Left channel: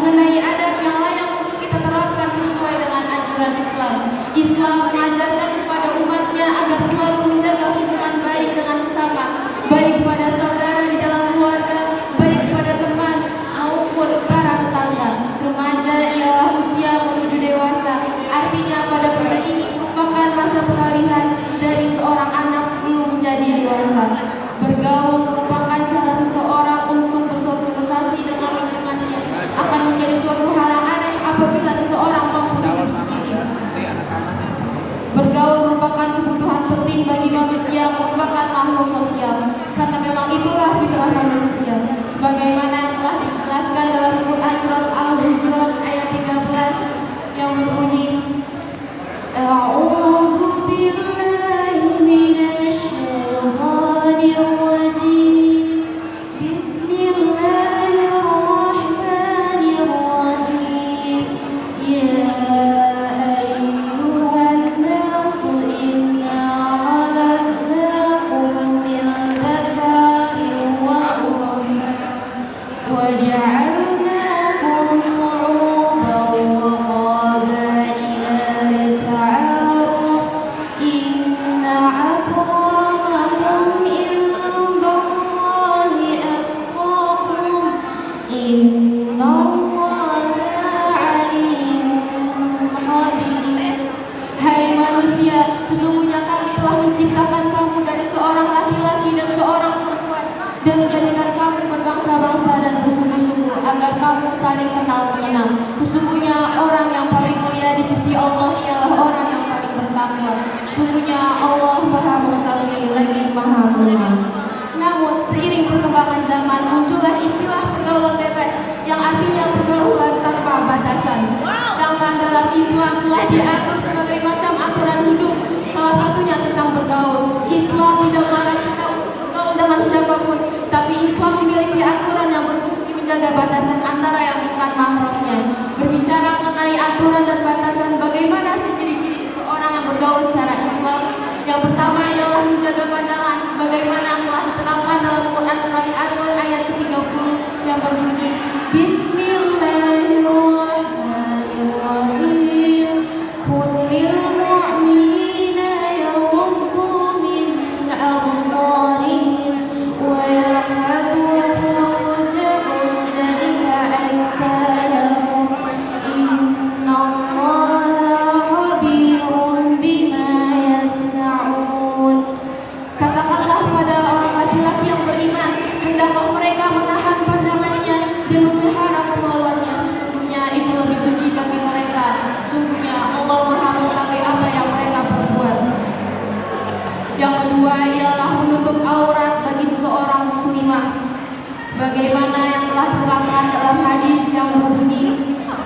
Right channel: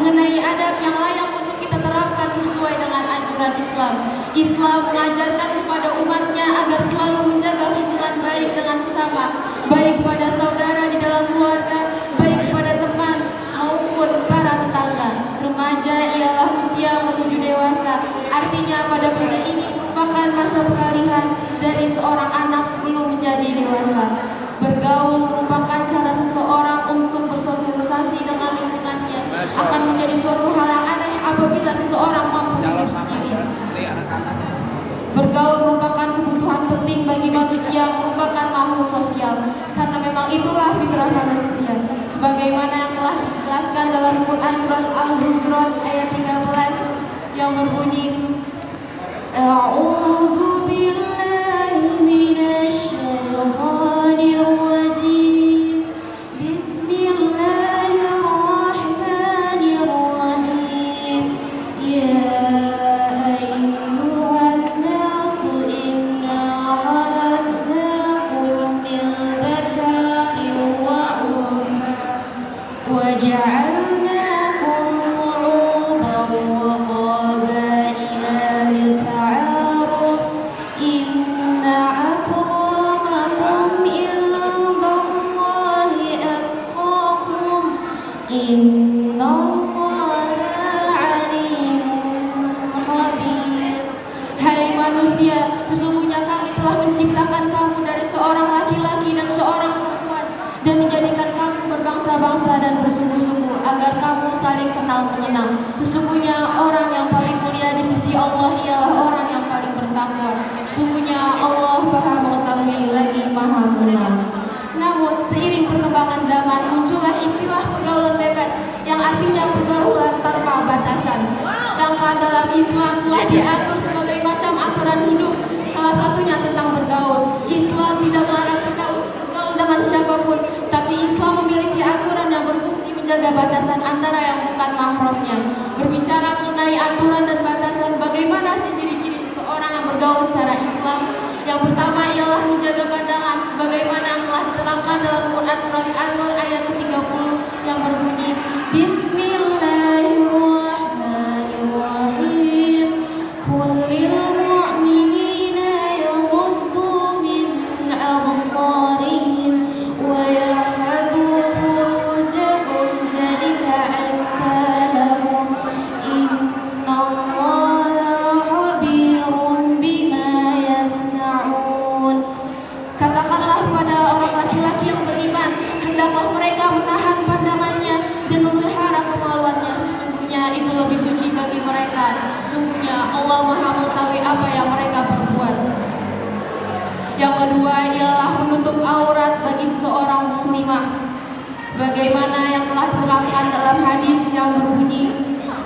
mengenai adab yang layak untuk kita terapkan sesuai dengan anjuran Islam. Islam mengajarkan kepada umatnya agar selalu menjaga hubungan baik dengan sesama, baik pada saudara di dalam keluarga, baik pada teman maupun para tetangga. Remaja ialah usia menuju dewasa, artinya pada muda ini merupakan masa peralihan dari seorang anak sebelum menjadi dewasa. Bergaul merupakan cara seseorang untuk bersosialisasi dengan lingkungannya. Akan menjadi suatu hal yang aneh apabila seseorang mampu hidup sendiri. Bergaul merupakan kebutuhan penting bagi manusia, merupakan makhluk sosial, karena memang itulah fitrah manusia. Sebagaimana yang telah dijelaskan dalam Quran surat Al-Hujurat ayat 13 yang berbunyi, A'udzu billahi minasy syaithanir rajim. Bismillahirrahmanirrahim. Ya ayyuhan nasu inna khalaqnakum min dzakarin wa untha wa ja'alnakum shu'uban wa qabaila lita'arafu inna akramakum indallahi atqakum innallaha alimun khabir. Hai manusia, sesungguhnya kami telah menciptakan kamu dari seorang laki-laki dan seorang perempuan dan menjadikan kamu berbangsa-bangsa dan bersungguh-sungguh agar kamu saling kenal mengenal. Sesungguhnya orang yang paling mulia di sisi Allah ialah orang yang paling bertakwa. Sesungguhnya Allah Maha mengetahui lagi Maha mengenal. Namun seiring perkembangan zaman muncullah istilah pergaulan bebas yang artinya pergaulan tanpa batasan. Sedangkan dalam Islam telah diatur sebagai macam aturan hidup, salah satunya tentang bergaul. Islam tidak melarang kita untuk bergaul dengan siapapun, tapi Islam memiliki aturan yang berfungsi menjaga batasan antara yang bukan mahramnya. Berbicara mengenai aturan dan batasan, bagaimana sih ciri-ciri seseorang yang bergaul secara Islam? Yang pertama ialah menjaga pandangan, sebagaimana yang telah diterangkan dalam Quran surat An-Nur ayat ke-30 yang berbunyi, Bismillahirrahmanirrahim. Kullil mu'minina yaghuddu min absarihim wa yahfadhu furujahum zalika azka lahum innallaha khabirun bima yasna'un. Katakanlah pada orang laki-laki yang beriman, hendaklah mereka menahan pandangannya dan memelihara kemaluannya. Sesungguhnya itu lebih suci bagi mereka. Sesungguhnya Allah Maha mengetahui apa yang mereka perbuat. Yang kedua ialah menutup aurat bagi seseorang muslimah, bagaimana yang telah diterangkan dalam hadis yang berbunyi,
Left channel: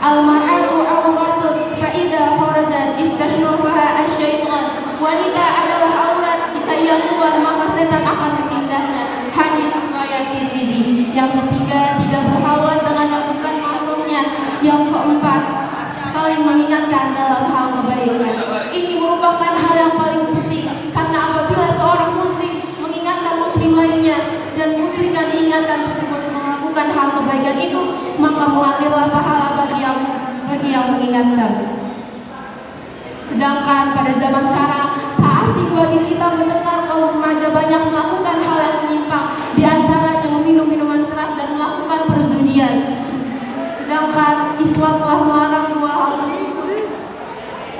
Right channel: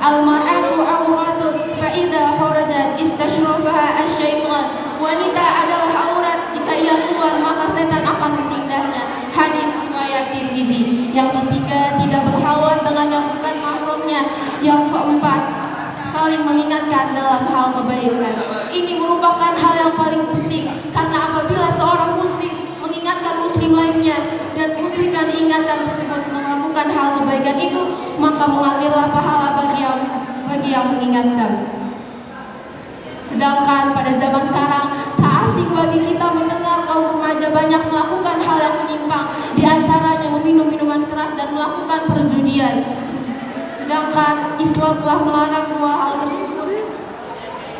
Al-mar'atu auratun fa idza kharajat istashrafaha asy-syaitan. Wanita adalah aurat, jika ia keluar maka setan akan menindahnya. Hadis riwayat Tirmizi. Yang ketiga, tidak berhalwat dengan yang bukan mahramnya. Yang keempat, saling mengingatkan dalam hal kebaikan. Ini merupakan hal yang paling penting, karena apabila seorang muslim mengingatkan muslim lainnya dan muslim yang diingatkan tersebut melakukan hal kebaikan itu, maka mengalirlah pahala bagi yang mengingatkan. Sedangkan pada zaman sekarang tak asing bagi kita mendengar kaum remaja banyak melakukan hal yang menyimpang, di antaranya meminum minuman keras dan melakukan perjudian. Sedangkan Islam telah melarang dua hal tersebut,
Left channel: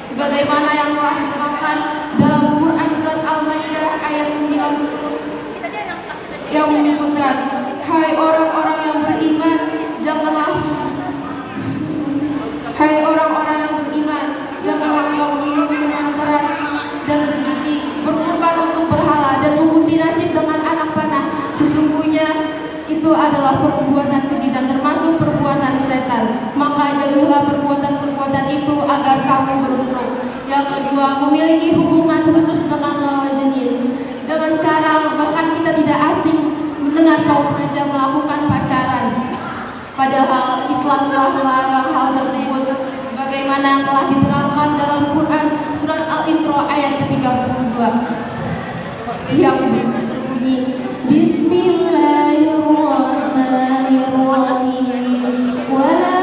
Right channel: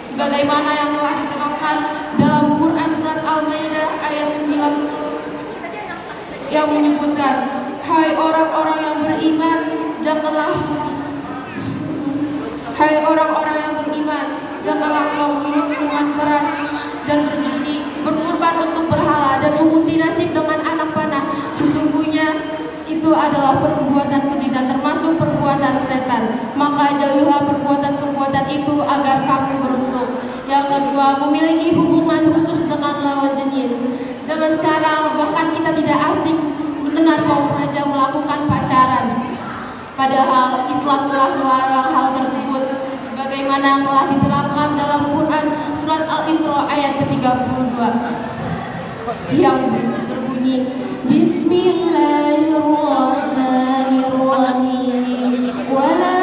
sebagaimana yang telah diterangkan dalam Quran surat Al-Maidah ayat 9 yang menyebutkan, Hai orang-orang yang beriman, janganlah kamu minum minuman keras dan berjudi, berkorban untuk berhala dan mengundi nasib dengan anak panah. Sesungguhnya itu adalah perbuatan keji dan termasuk perbuatan setan. Maka jauhilah perbuatan-perbuatan itu agar kamu beruntung. Yang kedua, memiliki hubungan khusus dengan lawan jenis. Zaman sekarang bahkan kita tidak asing mendengar kaum remaja melakukan pacaran. Padahal Islam telah melarang hal tersebut, sebagaimana yang telah diterangkan dalam Quran surat Al-Isra ayat ke-32 yang berbunyi, Bismillahirrahmanirrahim. Wala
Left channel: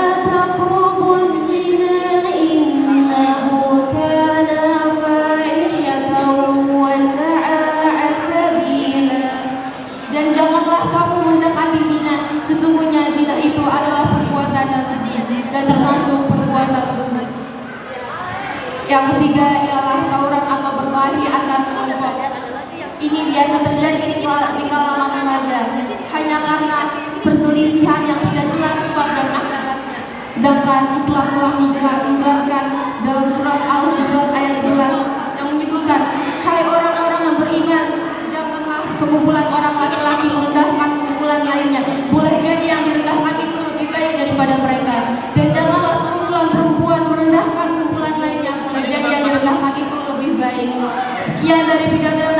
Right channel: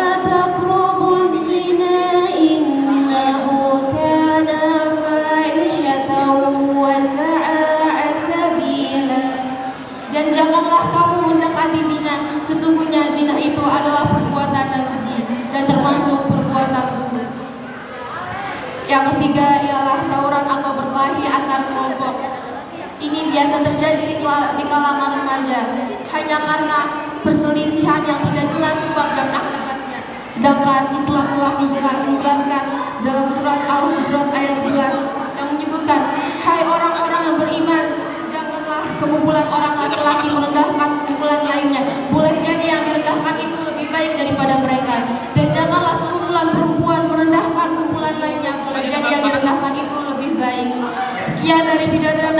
Sedangkan Islam telah menjelaskan dalam surat Al-Hujurat ayat 11 yang menyebutkan, hai orang-orang yang beriman, janganlah sekumpulan orang laki-laki merendahkan kumpulan lainnya. Boleh jadi yang direndahkan itu lebih baik daripada mereka, dan janganlah sekumpulan perempuan merendahkan kumpulan lainnya. Boleh jadi yang direndahkan itu lebih baik. Sekian dari pidato